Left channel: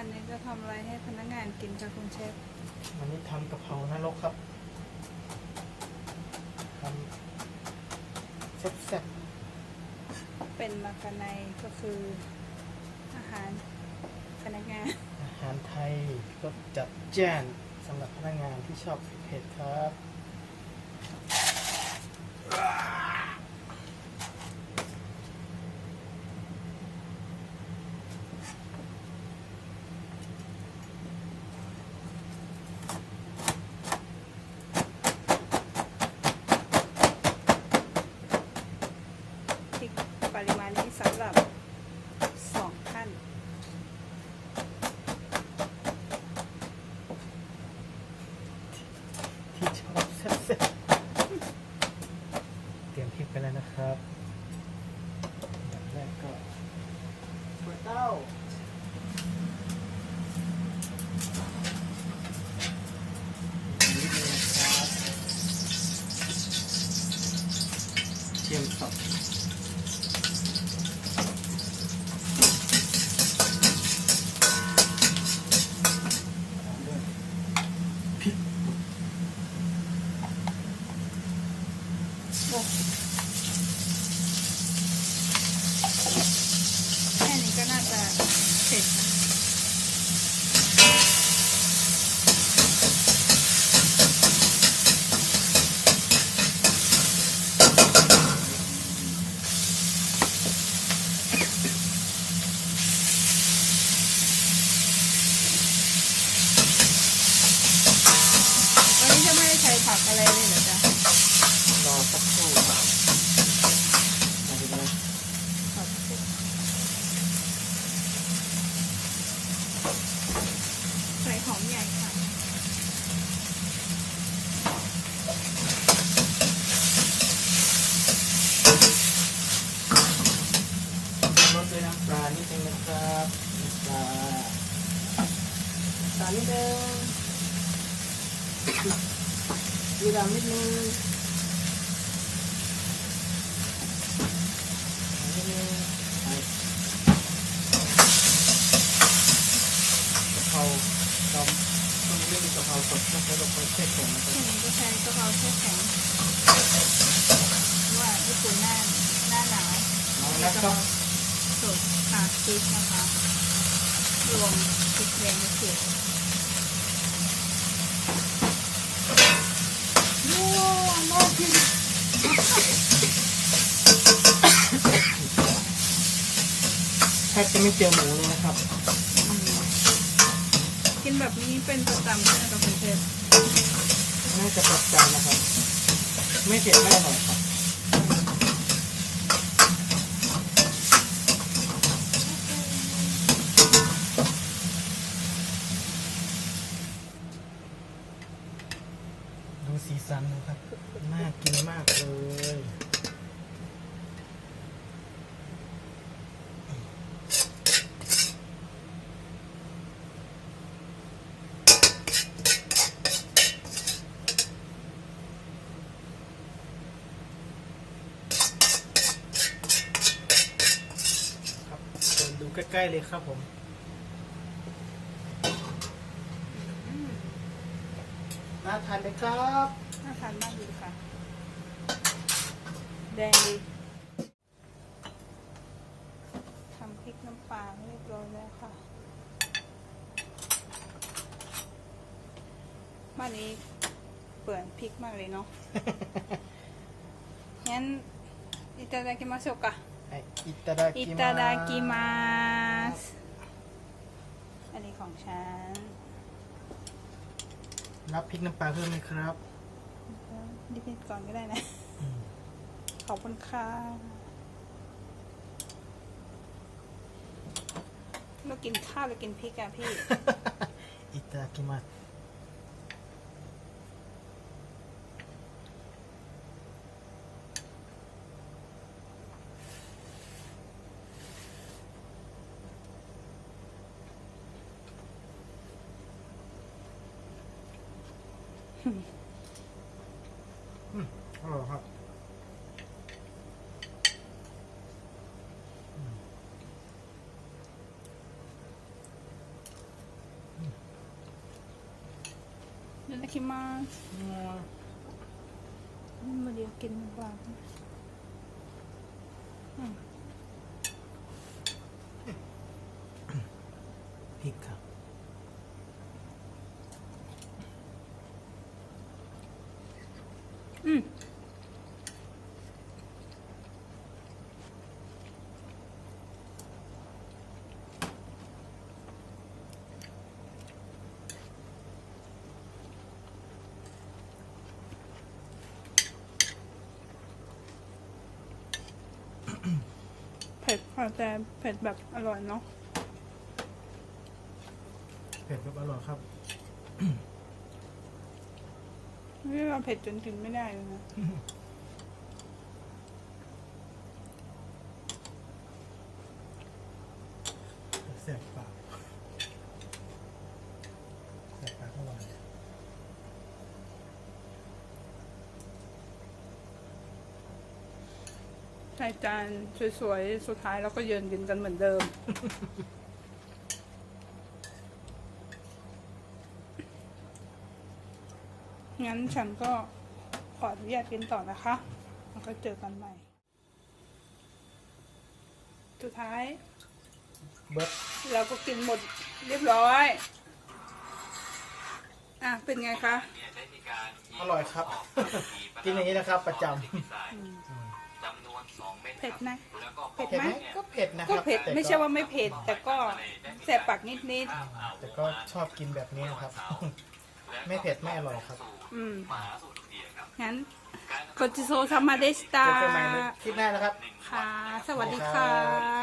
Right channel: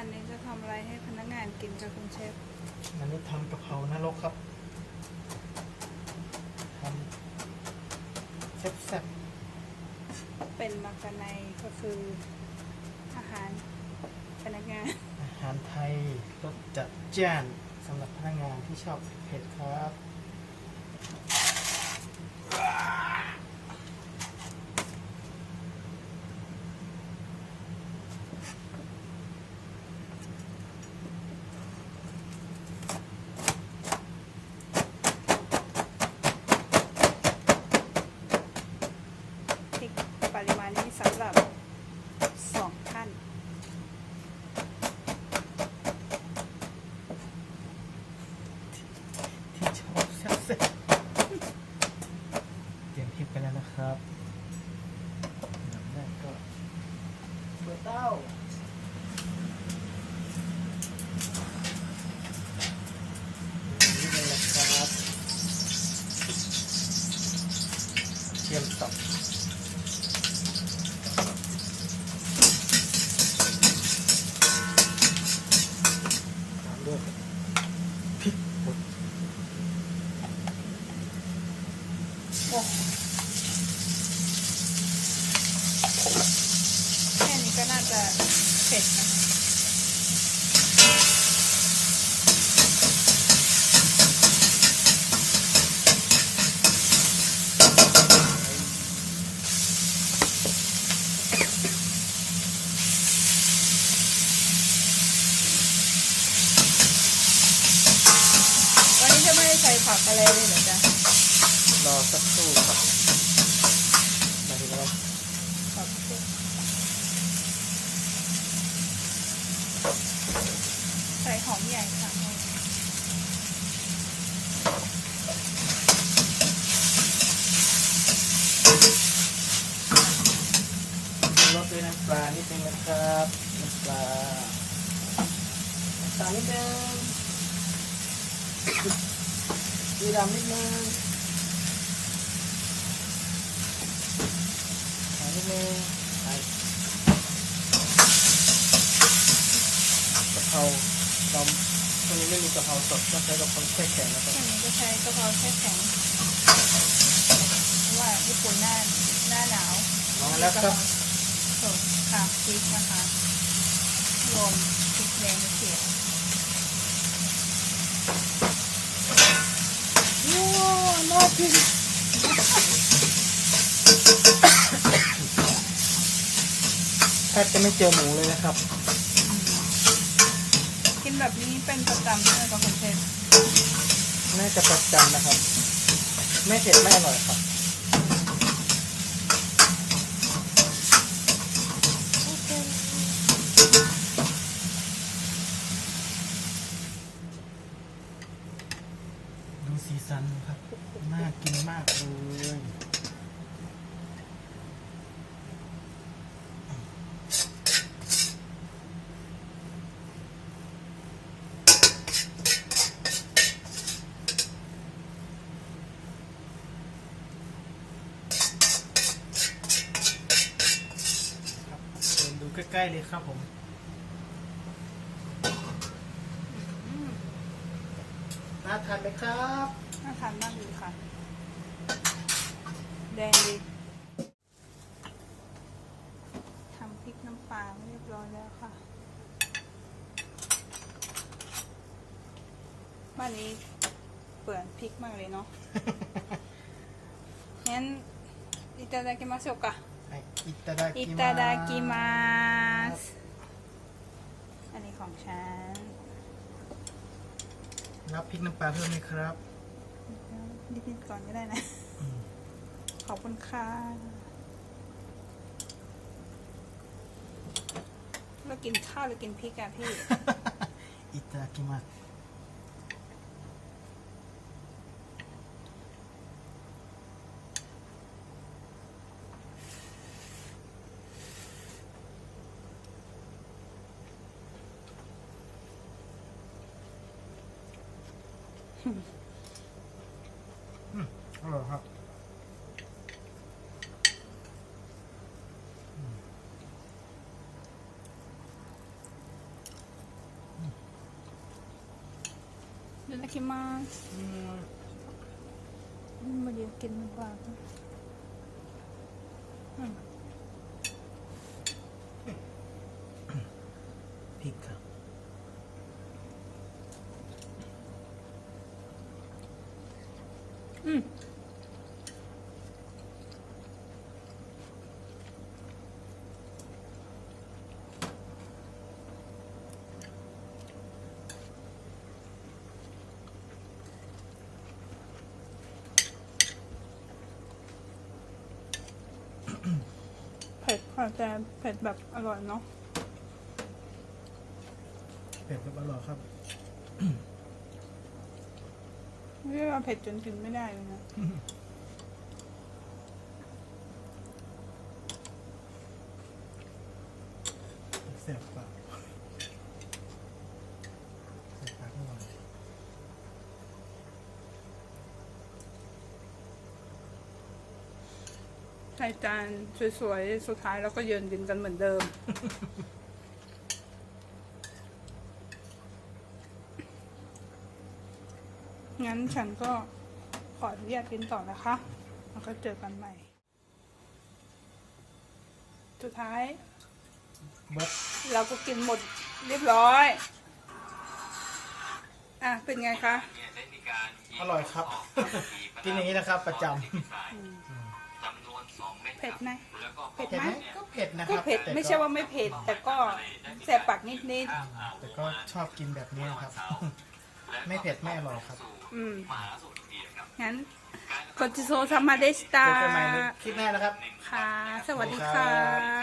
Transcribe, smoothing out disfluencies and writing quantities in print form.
วันนี้จะทำอะไรให้พนักงานกินคะคุณเชฟวันนี้ทำกะเพรานรกครับทำแซ่บเป็นมากะไนก็คืออาหารพนักงานอาหารไทยก็จัดแจ้นสำหรับพนักงานที่ชอบเผ็ดครับพริกปริมาณนี้สำหรับ2 ท่านที่ชอบแซ่บเตรียมพริกไปแล้วนะครับอย่างแรกก็ถั่วเต้าเตรียมสับพริกโอ้แค่นี้ก็น่าจะเสร็จนะวันนี้จะไม่ได้ใช้ผักอะไรเลยเหรอจ๊ะรอสักครู่ครับมาดูกันใส่หอมใหญ่ค่ะลดด้วยน้ำปลานิดนึงนะครับน้ำปลานิดนึงดูดำนิดนึงนิดนึงกะเพราเราต้องเล่นกะเพราสดนะใช้กะเพราแช่แข็งนะครับ อันนี้ก็ใช้กะเพราแช่แข็งเพราะว่าญี่ปุ่นหน้าหนาว แล้วก็ สดค่ะพริกนะคะรวมพริกแดงกระเทียมโอ้โน่พริก แทบจะไม่เจอหมูเลยนะครับ กินแบบนี้เป็นประจำใช่ไหมคะคุณเชฟ น่าจะประจำนะครับ ไม่เผ็ดไม่อร่อยครับดูสีสันนะครับ น่ากินมากเลยดูใกล้ๆเลยครับผมน่าทานไหมครับ น่าทานมากเลยค่ะแดงดีทำพริกน้ำปลาเรียบร้อยแล้วค่ะบ้านนี้เปลืองพริกมากเลยเนาะ งั้นいただきましょうかいただきますいただきますอันนี้ของฉัน รับพริกน้ำปลาเพิ่มไหมครับ นิดๆก่อนก็ได้นะ ขอบคุณค่ะเรากินข้าวหรือกินพริกอะพี่ いただきますอร่อยครับ อ คิมามาเดียวกินมันปากอืม พริกครับ อืมเผ็ดค่ะแต่เผ็ดแบบอร่อยเนาะ เผ็ดแบบอร่อยครับ ไม่ใช่ว่าเผ็ดจนกินไม่ได้เลยนะ แซ่บปากแซ่บปากอร่อย ใส่จานสวยๆ สุดท้ายเราก็ยืนกินกันเหมือนเดิม งั้นฉันก็ขออนุญาตกินต่อนะคะ แล้วก็เจอกันใหม่ สุดท้าย เบิร์ด เราก็กินหมดเรียบร้อย อ่ะ เป็นไงคะ อร่อยครับ กินอย่างนี้นะครับ ประจ เผ็ดไหม ำ เผ็ด เผ็ด ไหม ไหมก็เผ็ดนะค ก็ รับ เผ็ด แต่ ไม่ใช่ว่าไม่เผ็ด แต่ก็แสบปากนิด แต่ก็ชอบกินแบบนี้นะครับ ไม่เผ็ดไม่อร่อยครับ ๆ งั้นโกจิโซซามาเดชิตา เจอกันใหม่ในคลิปหน้านะครับ ค่ะ สวัสดีค่ะ